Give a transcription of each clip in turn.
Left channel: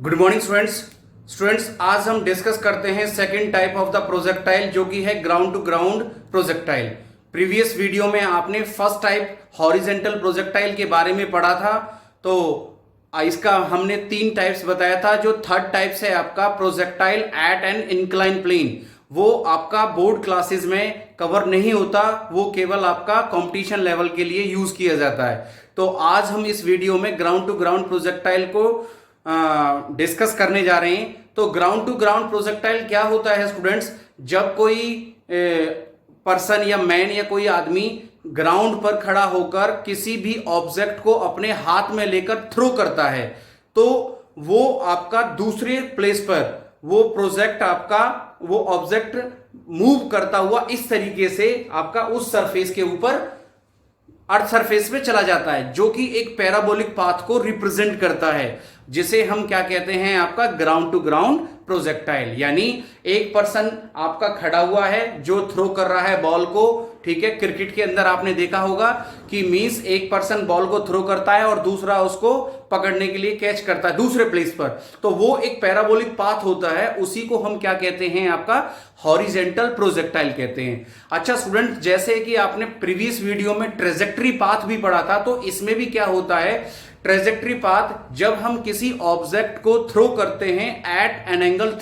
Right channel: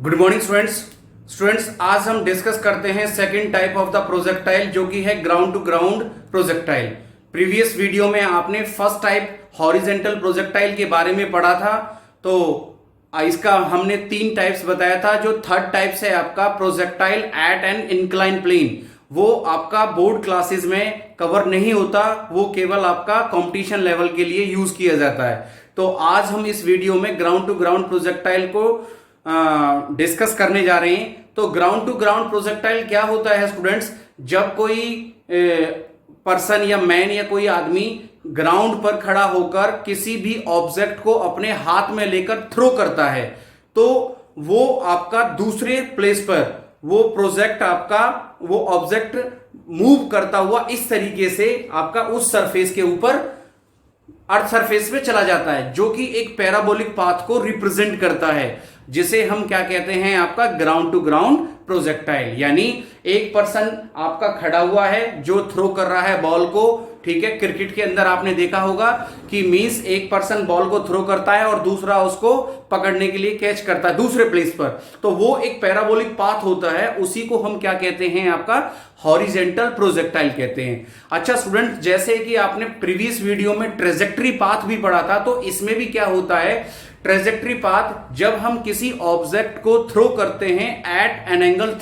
Good morning students आज हम discuss करते हैं second type of the projectile जो कि है ground to ground projectile. Previous video में आपने फर्स्ट टाइप हॉरिजेंटल प्रोजेक्टाइल के बारे में पढ़ा था, तो इसका हमने 3 टाइप्स बताया था। जो थर्ड टाइप है आपका projectile at an incline plane, वो आपका बोर्ड क्लासेस में कवर नहीं होता, वो केवल आपका कंपटीशन लेवल के लिए यूज किया जाता है। तो आज हम इस वीडियो में ग्राउंड टू ग्राउंड प्रोजेक्टाइल को डिस्कस करने जा रहे हैं। तो ग्राउंड टू ग्राउंड प्रोजेक्टाइल क्या होता है स्टूडेंट्स? जब कोई पर्सन या मैन या कोई आदमी ग्राउंड पर खड़ा होकर किसी भी ऑब्जेक्ट को अपने हाथ में लेकर थ्रो करता है, तो वो आपका दूसरे प्लेस पर वो प्रोजेक्ट आपका वो ऑब्जेक्ट मूव करता हुआ इस तरीके से आपका उस सरफेस के ऊपर अर्थ सरफेस पे चला जाता है, जो कि एक पैराबोलिक पाथ को रिप्रेजेंट करता है, जिसे हम क्या कहते हैं आपका ग्राउंड टू ग्राउंड प्रोजेक्टाइल। यानी एक पर्सन आपका खड़ा हुआ है जो थ्रो कर रहा है बॉल को, ठीक है। क्रिकेट के अंदर आपने देखा होगा कि मींस एक पर्सन बॉल को थ्रो करता है और दूसरा उसको पकड़ने के लिए कैच करता है दूसरे प्लेस पर, तो वो एक पैराबोलिक पाथ होता है, उसी को हम क्या कहते हैं आपका हॉरिजेंटल प्रोजेक्टाइल कहते हैं। अच्छा स्टूडेंट, जैसे कि आपने प्रीवियस वीडियो में ट्रेजेक्टरी पाथ भी पढ़ा था, तो इसमें भी क्या होता है ट्रेजेक्टरी पाथ, जब हम किसी ऑब्जेक्ट को थ्रो करते हैं एट एन एंगल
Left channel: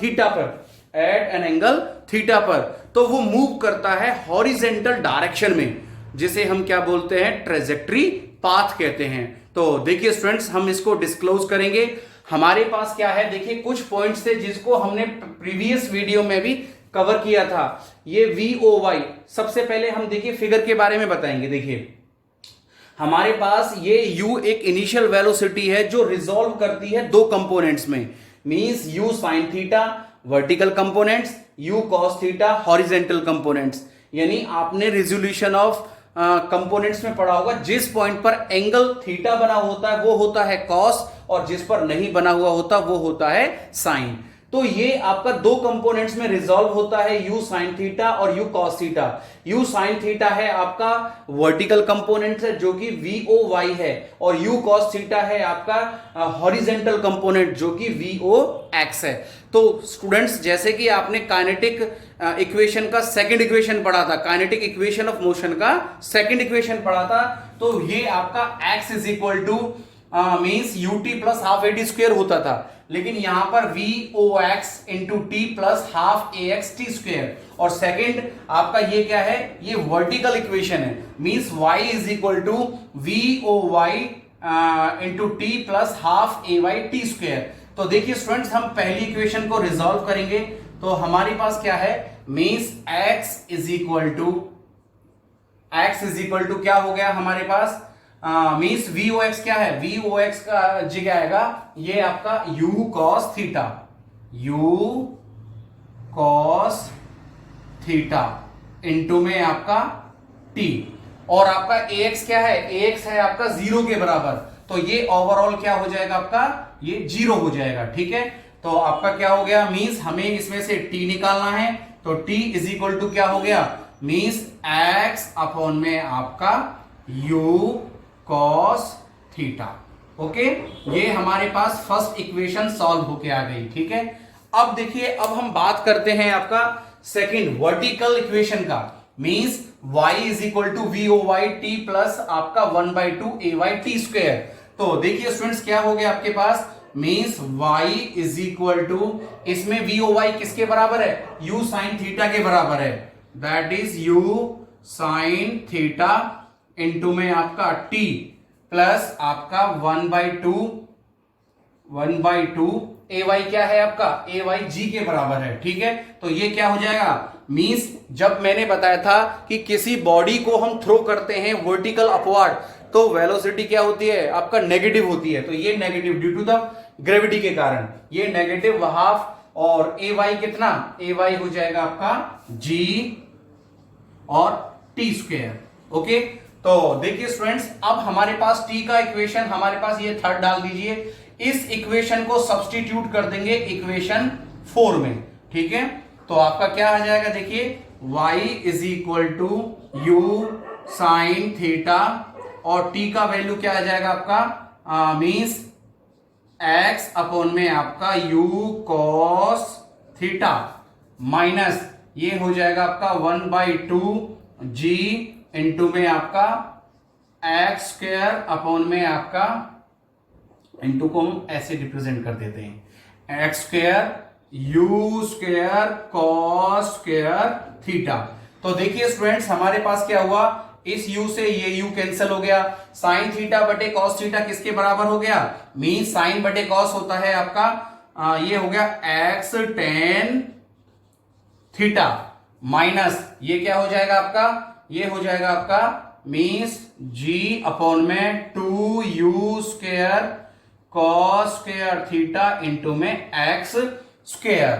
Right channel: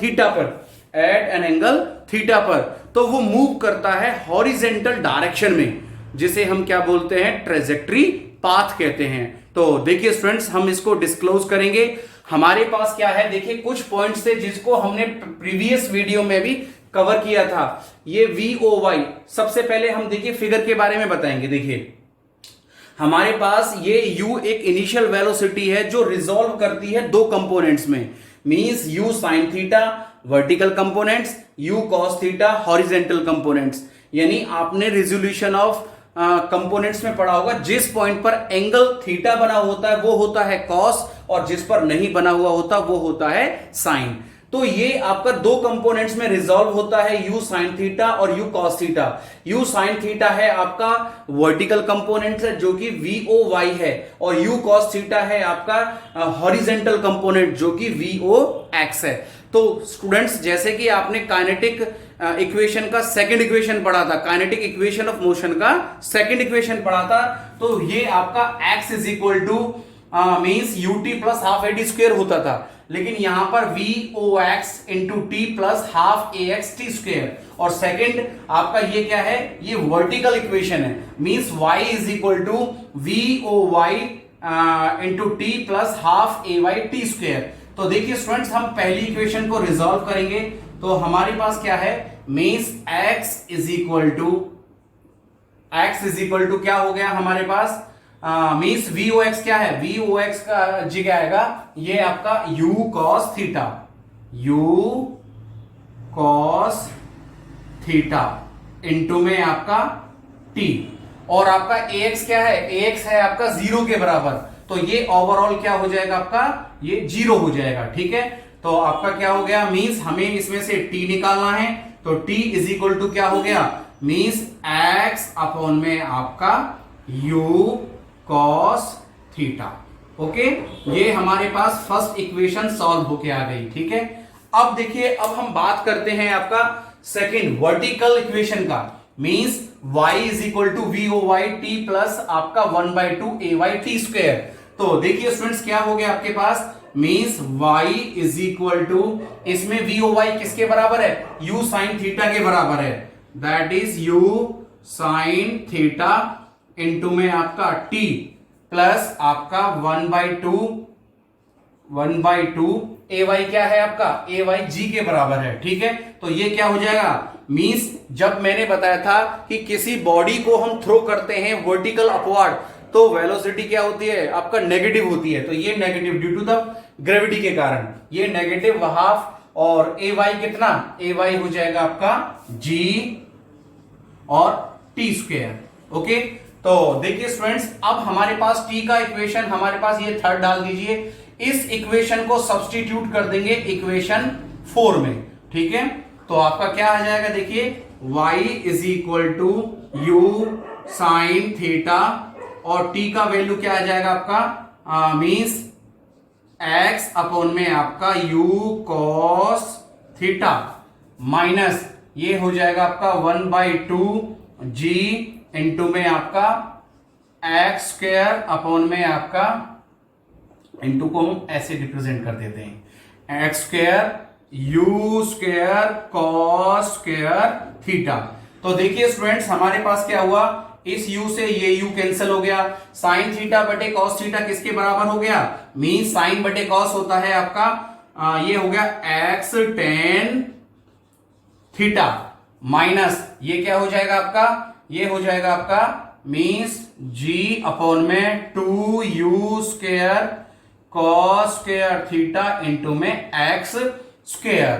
थीटा पर, तो वो मूव करता है हॉरिजेंटल डायरेक्शन में, जिसे हम क्या बोलते हैं ट्रेजेक्टरी पाथ कहते हैं। तो देखिए स्टूडेंट्स, हम इसको डिस्क्लोज करेंगे। हमारे पास क्या है, देखिए कुछ पॉइंट्स थे जिसको हमने प्रीवियस वीडियो में भी कवर किया था। ये VOY, सबसे पहले हम देखिए फिगर के बारे में बताएंगे। देखिए हमारे पास ये U एक इनिशियल वेलोसिटी है जो रिजॉल्व करती है 2 कंपोनेंट्स में, means U sin theta vertical components, U cos theta horizontal components. यानी आपने रिजोल्यूशन ऑफ कंपोनेंट्स में पढ़ा होगा, जिस पॉइंट पर एंगल थीटा बना होता है वो होता है cos, और जिस पर नहीं बना हुआ होता वो होता है sin। तो ये आपका 2 कंपोनेंट्स में रिजॉल्व होता है, U sin थीटा और U cos theta. U sin theta है आपका वर्टिकल कंपोनेंट है जो कि VOY है, और U cos थीटा है आपका हॉरिजेंटल कंपोनेंट जो कि VOX है। तो स्टूडेंट्स, जैसे कि आपने काइनेटिक इक्वेशन का सेकंड इक्वेशन पढ़ा था, काइनेटिक इक्वेशन ऑफ मोशन का सेकंड इक्वेशन पढ़ा था, तो ये आपका x is equal to means ut plus half AD square होता था, लेकिन यहां पर VOX into T plus half AX T square. और सेकंड आपका ये क्या है, ये वर्टिकल इक्वेशन है, means y is equal to VOY into T plus half AY T square. तो देखिए स्टूडेंट्स, हम पहली इक्वेशन को रिजॉल्व करेंगे, तो हमारे पास क्या है, means x is equal to क्या हो गया हमारे पास, मीन्स VOX क्या है, VOX का जगह आएगा ये आपका U cos थीटा इंटू में आपका T, और आपका AX क्या है, AX है आपका 0 के बराबर, तो ये ओवरऑल क्या हो जाएगा आपका, ये 0 हो जाएगा, ठीक है। तो आपका क्या हो गया, मीन्स हमें इसमें से T निकालना है, तो T इज इक्वल टू क्या हो गया, मीन्स X अपॉन में आपका U cos थीटा। ओके, ये हमारे पास फर्स्ट इक्वेशन सॉल्व होके आ गई, ठीक है। अब देखिए, अब हम बात करते हैं आपका सेकंड वर्टिकल इक्वेशन का, means y is equal to VOY t plus आपका 1/2 AY टी स्क्वेयर। तो देखिए स्टूडेंट्स, क्या हो गया आपके पास, means y is equal to, इसमें VOY किसके बराबर है, U sin थीटा के बराबर है, that is U sin theta into में आपका t प्लस आपका 1/2 AY क्या है आपका, AY G के बराबर है, ठीक है। तो ये क्या हो जाएगा, मींस जब मैंने बताया था कि किसी बॉडी को हम थ्रो करते हैं वर्टिकल अपवर्ड, तो वेलोसिटी क्या होती है आपका, नेगेटिव होती है। तो ये negative due to the gravity के कारण ये नेगेटिव हाफ, और AY कितना, AY हो जाएगा आपका G और T स्क्वेयर। ओके, तो देखिए स्टूडेंट्स, अब हमारे पास T का इक्वेशन, हमारे पास ये थर्ड डाल दीजिए, इस इक्वेशन को सब्स्टिट्यूट कर देंगे इक्वेशन 4 में, ठीक है। तो आपका क्या आ जाएगा, देखिए y is equal to U sin theta, और T का वैल्यू क्या आ जाएगा आपका, मींस एक्स अपॉन में आपका यू कॉस थीटा माइनस ये हो जाएगा आपका 1/2 g इंटू में आपका एक्स स्क्वायर अपॉन में आपका इंटू को हम ऐसे रिप्रेजेंट कर देते हैं x square you square cos square theta. तो देखिए स्टूडेंट्स हमारे पास क्या हुआ, इस u से ये u कैंसिल हो गया, साइन थीटा बटे कॉस थीटा किसके बराबर हो गया, मीन साइन बटे कॉस होता है आपका ये हो गया एक्स टेन थीटा माइनस ये क्या हो जाएगा आपका, ये हो जाएगा आपका मीन्स g अपॉन में 2u square cos square theta into में एक्स स्क्वायर।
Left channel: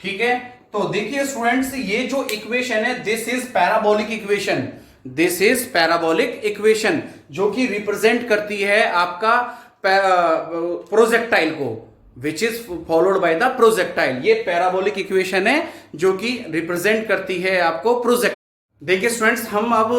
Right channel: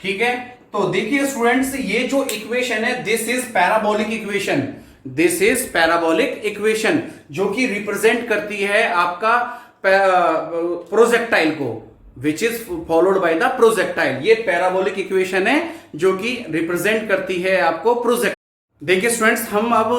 ठीक है, तो देखिए स्टूडेंट्स ये जो इक्वेशन है this is parabolic equation, this is parabolic equation जो कि रिप्रेजेंट करती है आपका प्रोजेक्टाइल को, which is followed by the projectile. ये पैराबोलिक इक्वेशन है जो कि रिप्रेजेंट करती है आपको प्रोजेक्ट। देखिए स्टूडेंट्स हम अब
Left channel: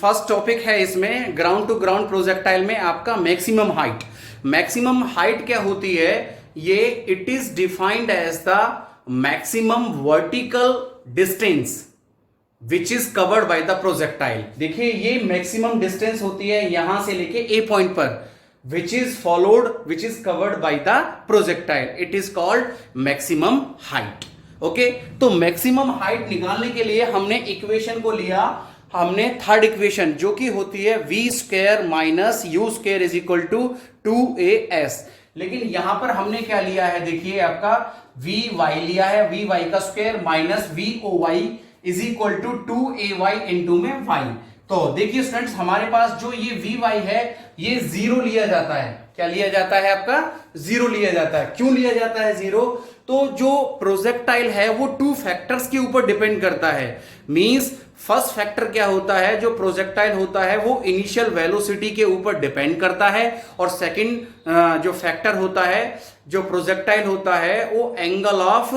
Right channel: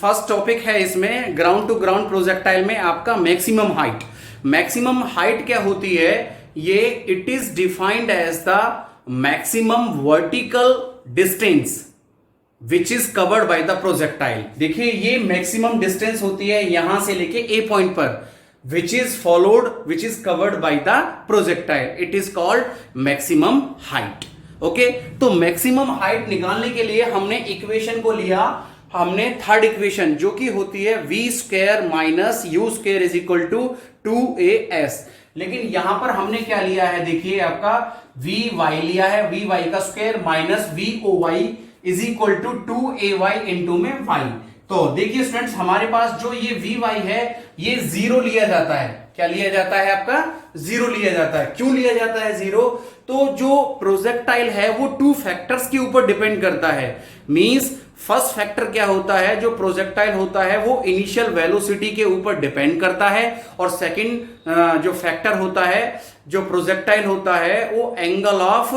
फर्स्ट टॉपिक है इसमें ग्राउंड टू ग्राउंड प्रोजेक्टाइल में आपका मैक्सिमम हाइट। मैक्सिमम हाइट क्या होती है, ये it is defined as the maximum vertical distance which is covered by the projectile. देखिए ये मैक्सिमम डिस्टेंस होती है यहां से लेके ए पॉइंट पर which is followed which is covered by the projectile, it is called maximum height. Okay, तो maximum height निकालने के लिए हमने इक्वेशन को लिया, हमने थर्ड इक्वेशन जो कि होती है V square minus U square is equal to 2as। लेकिन यहां पर हमने क्या लिया है, देखिए आपका वी वाई लिया है, वी वाई का square minus V O Y is equal to 2ay into में वाई। तो देखिए स्टूडेंट्स हमारे पास जो ये वी वाई है ये जीरो लिया जाता है, क्या लिया जाता है आपका, जीरो लिया जाता है। क्यों लिया जाता है जीरो, तो जो प्रोजेक्टाइल है वो टू फैक्टर्स के ऊपर डिपेंड करता है। मींस फर्स्ट फैक्टर क्या होता है, जो प्रोजेक्टाइल होता है वो इनिशियल वेलोसिटी के ऊपर डिपेंड करता है, और सेकंड जो फैक्टर होता है जो प्रोजेक्टाइल होता है वो angle of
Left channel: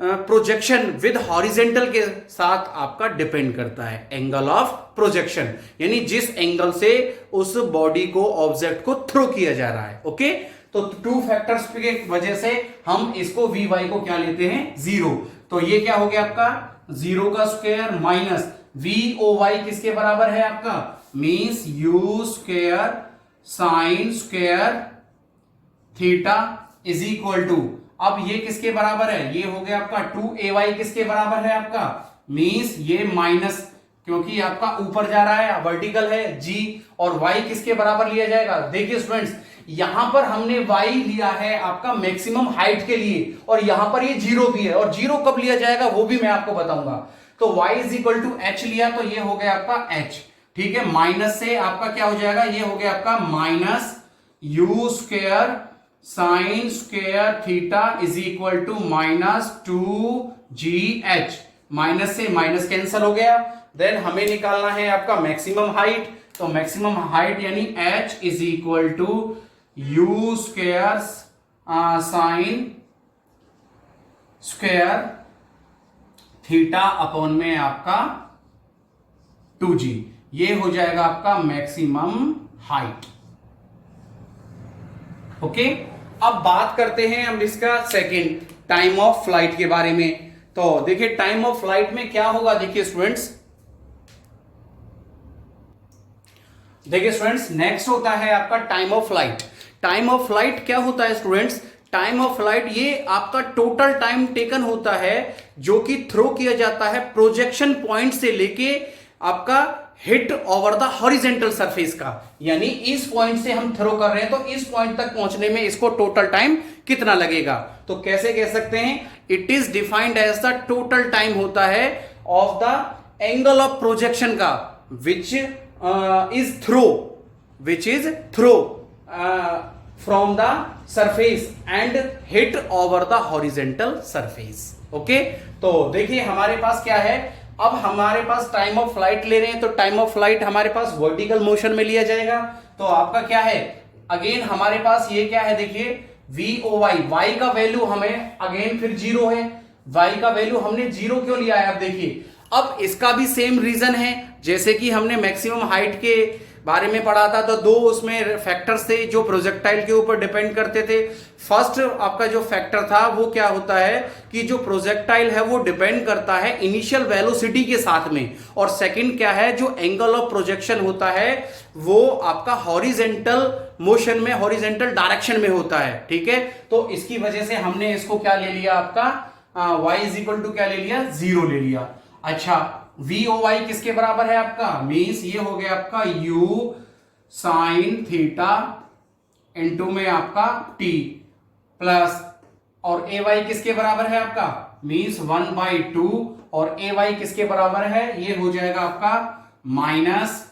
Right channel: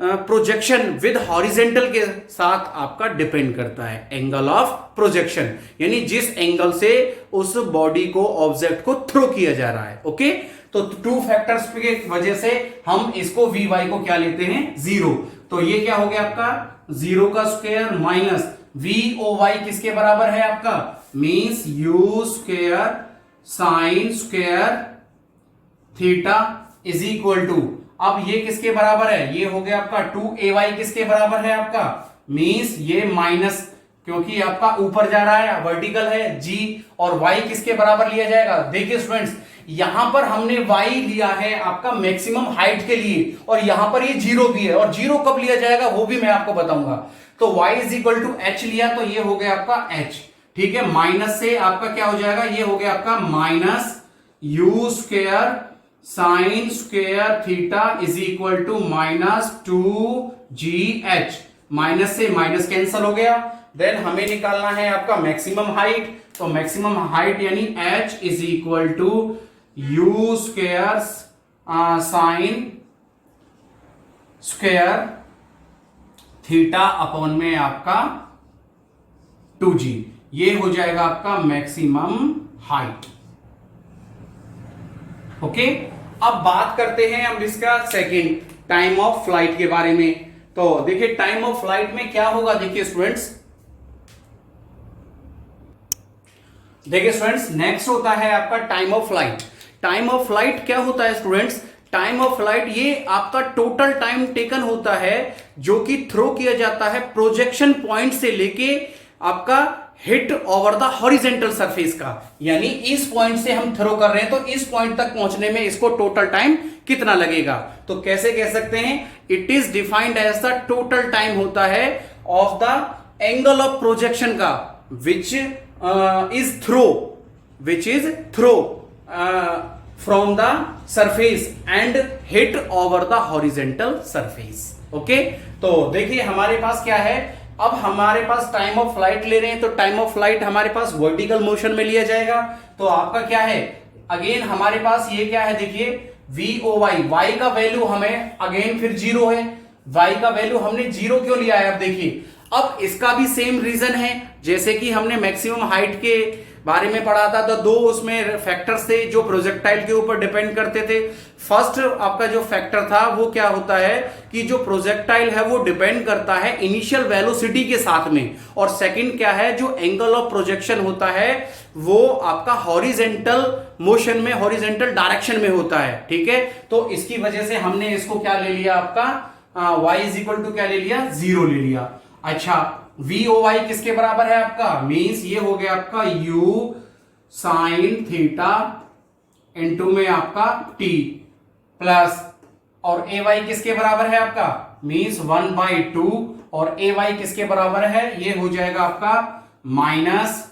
projection with horizontal के साथ आपका डिपेंड करता है। एंगल ऑफ प्रोजेक्शन यानी जिस एंगल से उस बॉडी को ऑब्जेक्ट को थ्रो किया जा रहा है। ओके, तो टू फैक्टर्स की वजह से हम इसको वी वाई को क्या लेते हैं, जीरो। तो ये क्या हो गया आपका, जीरो का square minus V O Y किसके बराबर है आपका, means U square sine square theta is equal to, अब ये किसके बराबर है, ये हो गया आपका 2ay किसके बराबर है आपका, मीन्स ये माइनस क्योंकि आपका ऊपर जा रहा है वर्टिकल है g, और y किसके बराबर लिया जाएगा। देखिए स्टूडेंट्स यहां पर हमने y लिया है आपका मैक्सिमम हाइट के लिए, और यहां पर ये जीरो भी है, और जीरो कब लिया जाएगा वो भी मैं आपको बताऊंगा। तो y is equal to h लिया तो ये हो गया आपका h। ठीक है, माइनस से आपका क्या हो जाएगा, ये हो गया आपका minus U square sine square theta is equal to minus 2gh। Minus से माइनस कैंसिल हो गया, देन हमें निकालना है आपका मैक्सिमम हाइट। तो मैक्सिमम हाइट यानी h is equal to U square sine square theta upon में आपका 2g, ये हो जाएगा आपका मैक्सिमम हाइट। ओके, अब बात करते हैं हम इसका सेकंड टाइम ऑफ फ्लाइट के बारे में। तो देखिए टाइम ऑफ फ्लाइट में क्या होगा, देखिए स्टूडेंट्स, नेक्स्ट होता है आपका time of flight. Time of flight क्या होता है स्टूडेंट्स, टाइम ऑफ फ्लाइट ये आपका टोटल टाइम टेकन होता है जो कि थ्रो किया जाता है प्रोजेक्शन पॉइंट से लेके आपका hit over the horizontal surface का, यानी इस पॉइंट से हम थ्रो कर रहे हैं तो इस पॉइंट तक पहुंचने में इसको टोटल टाइम कितना लगेगा। तो कैसे कह सकते हैं, it is defined as the total time होता है of the angle of projection का which is throw from the surface and hit over the horizontal surface. Okay, तो देखिए हमारे पास क्या है, अब हमारे पास टाइम ऑफ फ्लाइट ले रहे हैं तो टाइम ऑफ फ्लाइट हमारे पास वर्टिकल मोशन में लिया जाएगा। तो आपका क्या है, अगेन हमारे पास ये क्या है, देखिए वी ओ वाई, वाई का वैल्यू हमें अगेन फिर जीरो है, वाई का वैल्यू हमने जीरो क्यों लिया है, आप देखिए। अब इसका भी सेम रीजन है जैसे कि हमने मैक्सिमम हाइट के बारे में पढ़ा था, तो दो उसमें फैक्टर्स थे जो प्रोजेक्टाइल के ऊपर डिपेंड करते थे। फर्स्ट आपका जो फैक्टर था वो क्या होता है कि जो प्रोजेक्टाइल है वो डिपेंड करता है इनिशियल वेलोसिटी के साथ में, और सेकंड क्या है, जो एंगल ऑफ प्रोजेक्शन होता है वो आपका हॉरिजेंटल मोशन में, हॉरिजेंटल डायरेक्शन में होता है। ठीक है, तो इसकी वजह से हमने इसको क्या ले लिया, आपका y इज इक्वल टू क्या ले लिया, 0 ले लिया। अच्छा, VOY किसके बराबर है आपका, मीन्स ये हो गया आपका u साइन थीटा इंटू में आपका t प्लस, और AY किसके बराबर है आपका, मीन्स 1/2, और AY किसके बराबर है, ये हो जाएगा आपका माइनस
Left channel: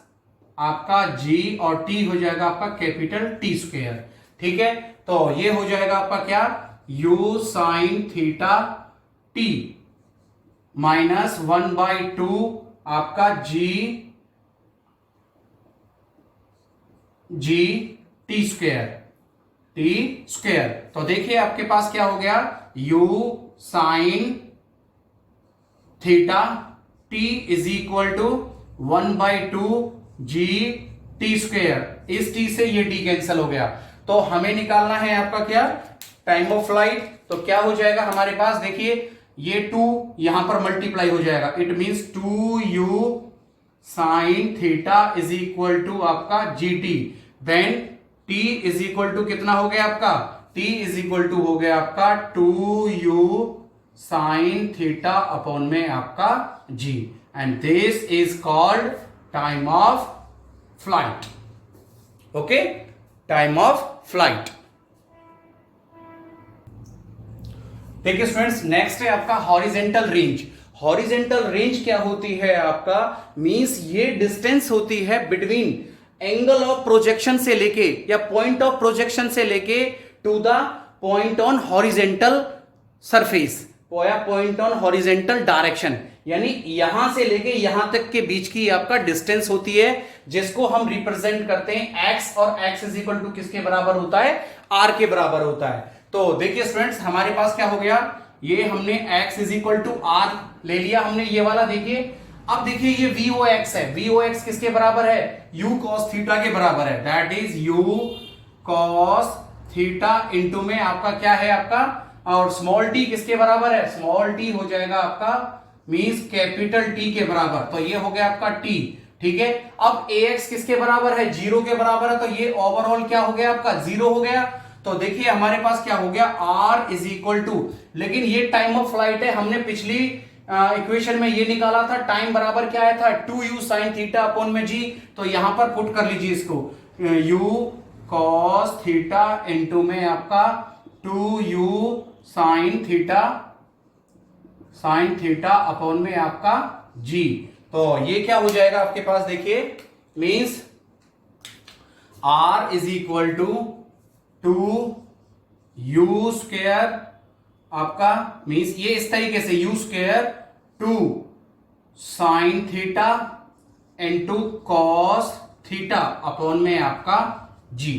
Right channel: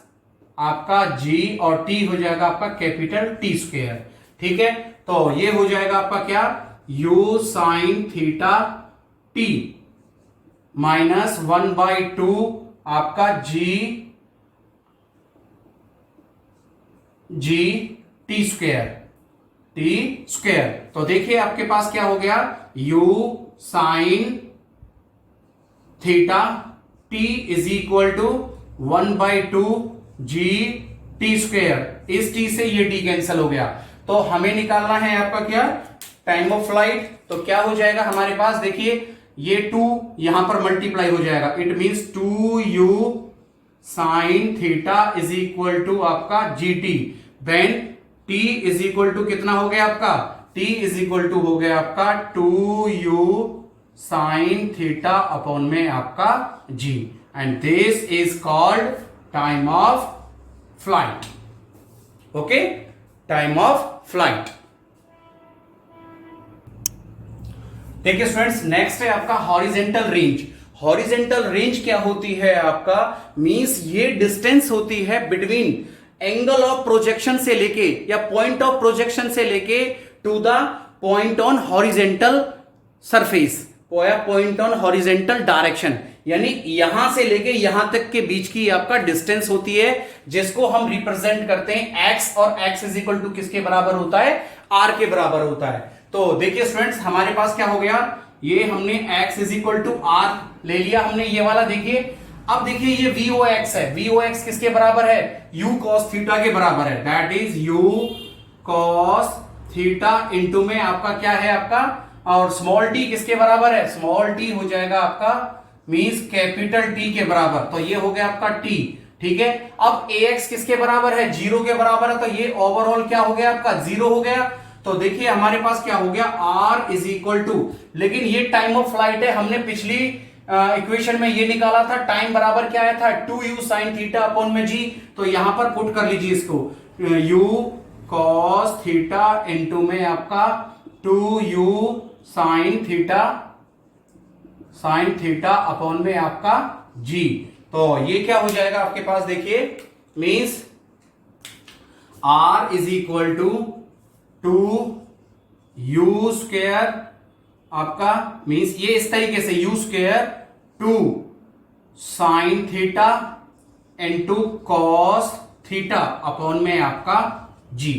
आपका g, और t हो जाएगा आपका कैपिटल T स्क्वायर। ठीक है, तो ये हो जाएगा आपका क्या, u sine theta t minus 1/2 आपका g टी स्क्वायर। तो देखिए आपके पास क्या हो गया, u sine theta t is equal to 1/2 g T square. इस t से ये t कैंसिल हो गया, तो हमें निकालना है आपका क्या, टाइम ऑफ फ्लाइट। तो क्या हो जाएगा हमारे पास, देखिए ये 2 यहां पर मल्टीप्लाई हो जाएगा, it means 2u sine theta is equal to आपका gt, then t is equal to कितना हो गया आपका, t इज इक्वल टू हो गया आपका 2u साइन थीटा अपॉन में आपका g, and this is called time of flight. Okay, time of flight. देखिए स्टूडेंट्स, नेक्स्ट है आपका हॉरिजेंटल रेंज। हॉरिजेंटल रेंज क्या होती है आपका, मींस ये डिस्टेंस होती है बिटवीन एंगल ऑफ प्रोजेक्शन से लेके, या पॉइंट ऑफ प्रोजेक्शन से लेके to the point on horizontal surface, या पॉइंट ऑन हॉरिजेंटल डायरेक्शन, यानी यहां से लेके यहां तक के बीच की आपका डिस्टेंस होती है, जिसको हम रिप्रेजेंट करते हैं x, और x इज इक्वल टू किसके बराबर होता है, r के बराबर होता है। तो देखिए स्टूडेंट्स, हमारे पास क्या हो गया, ये हमने x is equal to r ले लिया हमने, ये वाला देखिए। अब देखिए ये VOX है, VOX किसके बराबर है, u cos थीटा के बराबर है, that is u cos theta into में आपका क्या है आपका, और स्मॉल t किसके बराबर है, स्मॉल t हो जाएगा आपका मींस कैपिटल T के बराबर, तो ये हो गया आपका t। ठीक है, अब AX किसके बराबर है, 0 के बराबर है, तो ये ओवरऑल क्या हो गया आपका, 0 हो गया। तो देखिए हमारे पास क्या हो गया, r इज इक्वल टू, लेकिन ये टाइम ऑफ फ्लाइट है, हमने पिछली इक्वेशन में ये निकाला था, टाइम बराबर क्या आया था, 2u साइन थीटा अपॉन में g, तो यहां पर पुट कर लीजिए इसको, u cos थीटा इंटू में आपका 2u साइन थीटा अपॉन में आपका g। तो ये क्या हो जाएगा आपके पास, देखिए means r is equal to 2u square आपका, मींस ये इस तरीके से u square 2 sine theta into cos theta upon में आपका g।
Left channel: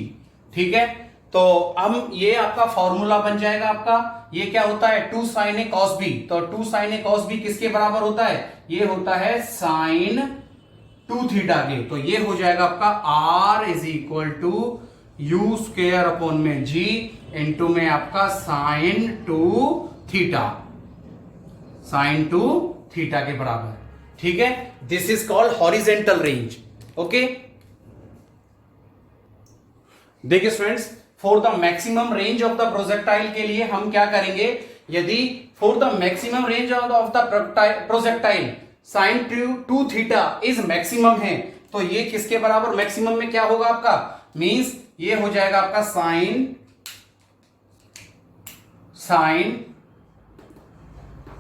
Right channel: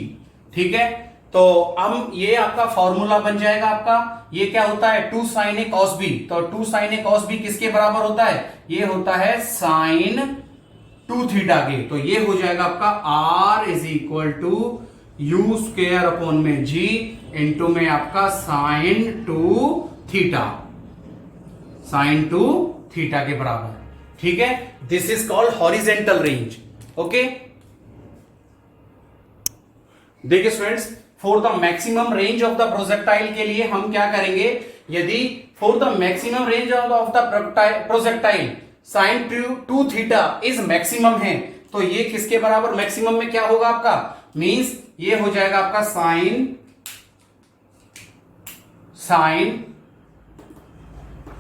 ठीक है, तो हम ये आपका फॉर्मूला बन जाएगा आपका, ये क्या होता है 2 साइन ए कॉस बी, तो 2 साइन ए कॉस बी किसके बराबर होता है, ये होता है साइन 2 थीटा के, तो ये हो जाएगा आपका r is equal to u square upon में g इंटू में आपका साइन 2 थीटा के बराबर। ठीक है, this is called horizontal range. Okay, देखिए students, for the maximum range of the projectile के लिए हम क्या करेंगे, यदि for the maximum range of the projectile sine 2 theta is maximum है, तो ये किसके बराबर, मैक्सिमम में क्या होगा आपका, मींस ये हो जाएगा आपका sine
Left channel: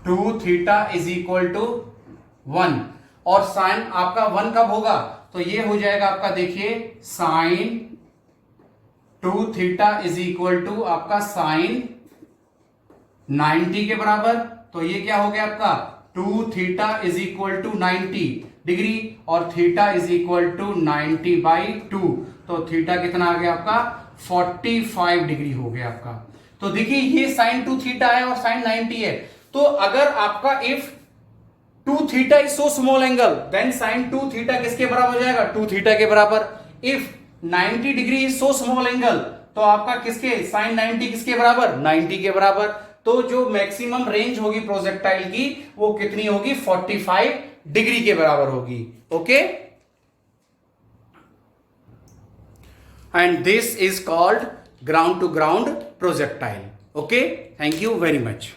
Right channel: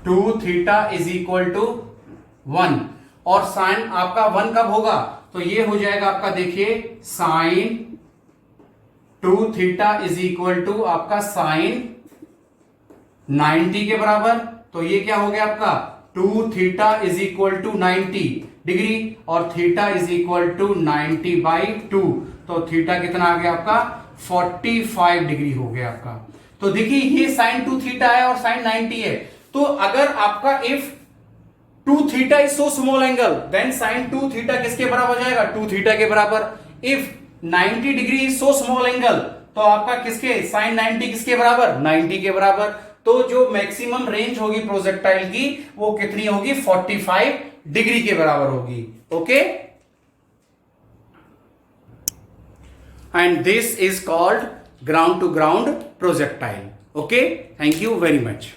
2 theta is equal to 1, और साइन आपका 1 कब होगा, तो ये हो जाएगा आपका, देखिए sine 2 theta is equal to आपका साइन 90 के बराबर, तो ये क्या हो गया आपका 2 theta is equal to 90 degree, और थीटा इज इक्वल टू 90/2, तो थीटा कितना आ गया आपका 45 डिग्री हो गया आपका। तो देखिए ये साइन 2 थीटा है और साइन 90 है, तो अगर आपका if 2 theta is so small angle, then sine 2 theta किसके बराबर हो जाएगा, 2 थीटा के बराबर। If 90 degree is so small angle, तो आपका किसके साइन 90 किसके बराबर, 90 के बराबर। तो जो मैक्सिमम रेंज होगी प्रोजेक्टाइल की वो कितनी होगी, 45 डिग्री के बराबर होगी। Okay, and this is called ground to ground projectile. Okay, thank you very much.